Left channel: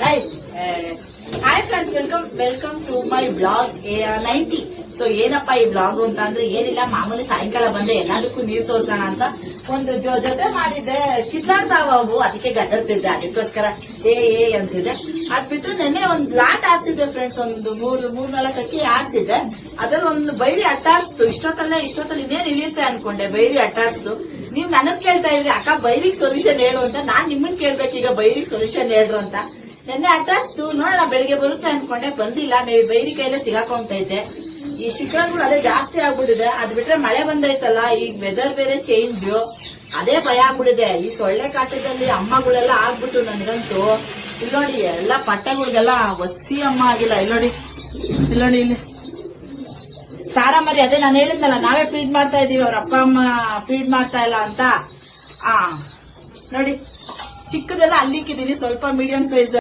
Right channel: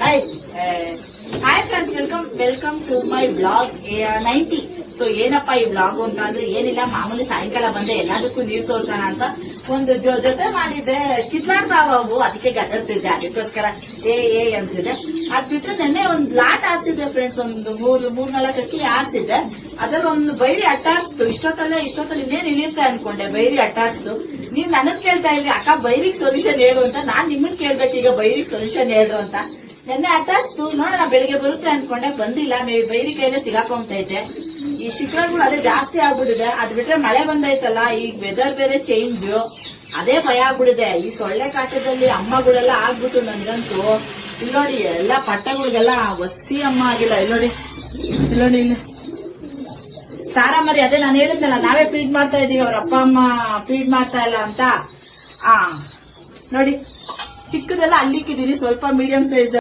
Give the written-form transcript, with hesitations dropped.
Hi friends, welcome to my blog 90. So ಏನಪ್ಪಾ ಈ blog ಅಂತ ಅಂದ್ರೆ ಏನಿಲ್ಲ, ಮಾಮೂಲಿ ಸಾಯಂಕಾಲ ಬಂದೆ ಎಲ್ಲದಕ್ಕೂ ನೀರ್ ತೋರ್ಸೋಣ ಅಂತ ಒಂದು ಜೊತೆ ಮಾಡಿದ್ದೆ. ಕಿತ್ತಾಡ್ತಾವ ಅವು, ಅದಕ್ಕೆ ಗದರ್ತಿದ್ದೆ, ಅದಕ್ಕೋಸ್ಕರ ಏ ಅಂತಿದ್ದೆ. ಅದ್ ಬಿಟ್ರೆ ನೆನ್ನೆ ಒಂದ್ ಲಾಟ್ ಆಡ್ಸಿದ್ದೆ ಫ್ರೆಂಡ್ಸ್, ಒಂದು ಮೂರ್ನಾಲ್ಕು ಅಕ್ಕಿ ಆಡ್ಸಿದ್ದೆ. ಅದ್ರಲ್ಲಿ ಒಂದು ಬೈರಿ ಅಟ್ಟಾಡ್ಸ್ತು. ಇಷ್ಟೊತ್ತಲ್ಲಿ ಇನ್ನೇನು ಇಳಿಯುತ್ತೆ ಅನ್ಕೊಂಡೆ, ಬೈರಿ ಅಟ್ಟಾಡ್ಸ್ತು. ನೀವ್ ನನಗ್ ಕೇಳ್ತಾ ಇದ್ರಿ ಅಕ್ಕ ಬೈರಿಗೆ ಸೊಲ್ಯೂಷನ್ ಹೇಳು ಅಂತ. ನಾನ್ ನಿಮ್ಮನ್ ಕೇಳ್ಬೇಕು ಈಗ ಬೈರಿಗೆ ಸೊಲ್ಯೂಷನ್ ಹೇಳ್ರು ಅಂತ. ನೆನ್ನೆ ಅಟ್ಟಾಡ್ಸ್ತು, ನೋಡೋಣ ಬೆಳಿಗ್ಗೆ ಬರುತ್ತೆ ಅನ್ಕೊಂಡೆ, ಬಂದಿಲ್ಲ. ಬೈರಿ ಕೈಲೇ ಸಿಗಾಕೊಂತೈತೆ. ಈ ಶಿಖರಗಳು ಅದೇ ಜಾಸ್ತಿ ಆಗ್ಬಿಟ್ಟಿದೆ. ಅದ್ ಬಿಟ್ರೆ ಮಳೆ ಬಂದೈತಲ್ಲ, ಈಗ ವೆದರ್ ಬೇರೆ ಚೇಂಜ್, ಅದೇ ಭಯ ಆಗ್ಬಿಟ್ಟಿದೆ. ಈ ಸೊಳ್ಳೆ ಕಾಟದಲ್ಲಿ ಅಮ್ಮಗಳೆಲ್ಲ ಆಗ್ಬಿಟ್ಟು ನನ್ಗಂತೂ ಇಲ್ಲೋಡಿ ಎಲ್ಲ ಪಟ್ಟಗಳಿಗೆಲ್ಲ ವಸಿ ಅಮ್ಮ ಆಗಿಲ್ಲ. ಇಲ್ಲೋಡಿ ಇಲ್ಲಿ ತಾರಾಮರಿ, ಅದೇ ನಾನು ಹೇಳಿದ್ನಲ್ಲ, ನಾವೇ ಫೀಡ್ ಮಾಡ್ತಾ ಇದೀವಿ, ಅವ್ರ ಅಪ್ಪ ಅಮ್ಮ ಫೀಡ್ ಮಾಡ್ತಾ ಇಲ್ಲ ಅಂತ. ನೋಡಿ ಚಿಕ್ಕದೆಲ್ಲ ಅಲ್ಲಿಕ್ಕಿದೀನಿ, ಸ್ವಲ್ಪ ಮೀಡಿಯಂ ಸೈಜ್